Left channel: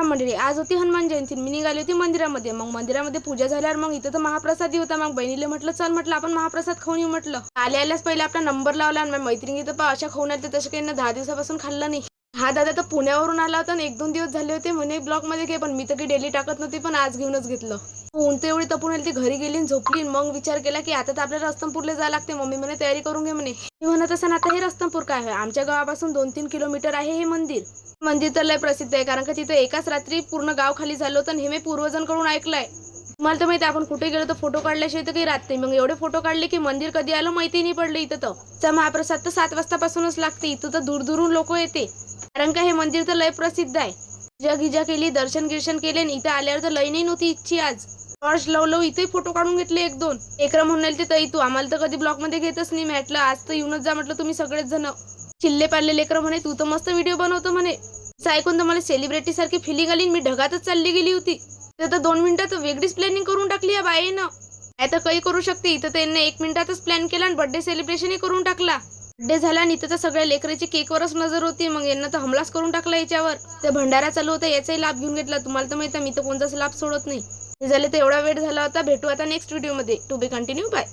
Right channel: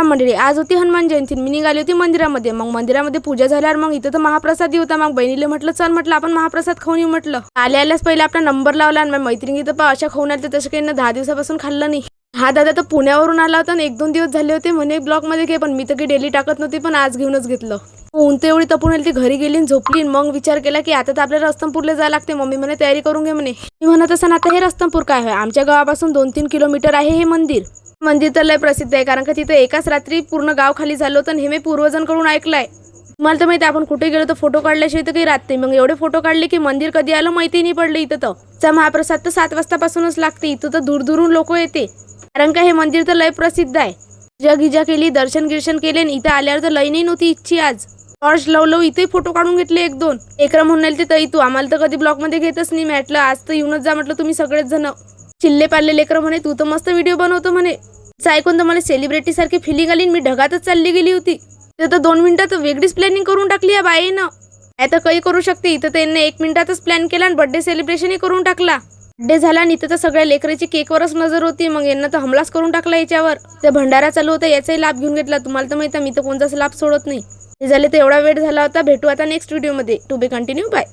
राम मंडळी, आज होती हनुमान जयंती. मी निघाली होती मंदिरामध्ये. मग मंदिरामध्ये पूजा झाल्यावर मग इथं तर महाप्रसादी होता. मग बहिणीला म्हटलं चल, म्हटलं आपण महाप्रसाद खाऊन येऊ. म्हटलं आल्याच पहिले आपला नंबर लावला आणि मैत्रिणी तर अशा खाऊन आल्या तसं काही 10 दिवसापासून खाल्लं नाही. हा दादा तर पुण्यावरून आला होता आणि 1-2 दिवस झाले होते म्हणे ब्लॉग मध्ये घे, पण मी तर काही डेली टाकत नव्हती, पण आज घेऊनच घेतलं. ऊन तर एवढी तपून आली, ती घरी गेली आणि झोपली. मग विचार केला की आता तर आपल्याला रस्तमपूरला जायला लागते. मम्मी म्हणे तयारी करून घे म्हणे. मी म्हणत असताना आता हे रस्तमपूर काय आहे, आमच्या गावापासून 2-3 किलोमीटर आहे हे मंदिर. मंदिर तर लय प्रसिद्ध आहे, कारण का तिथे एकाच रात्री पूर्ण गाव खाली झालं होतं आणि हे मी पूर्वजांकडून ऐकलंय. मला तर माहिती आपण कुठे गेलो तर फोटो काढल्याशिवाय तर काही राहत नाही. मग एवढे फोटो काढले की मंदिर कधी आलं माहिती नाही पडलं. इथं तर महाप्रसाद तर 7 वाजतापासूनच लागते. इथं तर दूर लोक येते, कारण का हे मंदिर तर लय प्रसिद्ध आहे. पूजा केली, दर्शन गिर्शन केले आणि इथं आल्यावर तर लई नाही नव्हती इच्छी. आज टॉर्च लावलो, इथे फोटो काढून घेतले 1-2. एकरा म्हणून ते ताई तू आम्हाला तर कधी ब्लॉग मध्ये घेतच नाही. म्हटलं आज तर येऊनच जा, म्हटलं तुम्ही सगळेच जण. चिल्ले पाल्ले लेकरं म्हणे तू तर मस्त व्हिडिओ बनवतो म्हणे. ऐकून तर मला सेलिब्रिटी सारखी फिलिंग आली. मी ढगातच चालली गेली होती. तर 2 मिनिटात वेगळीच प्लॅनिंग करून टाकली या बाईनं. आता काही करू शकते. इथं त्यांनी 1 मिनिटातच प्लॅन केला आणि बर्थडे सेलिब्रेशनही करून टाकला. बर्थडे झाला आणि इथं तर सगळ्या लेकराची केकवरच नजर होती. मग यांना तर हमलाच करून टाकला याच्यावर. ते भंडारा चालू होता याचाही लाभ घेऊन घेतला. तुम्हाला तर माहिती आहे मी तर कोणताच लाभ सोडत नाही. ते झाले तर एवढा वेळ झाला होता. भेटू आता नेक्स्ट व्हिडिओ मध्ये. To be continue. बाय.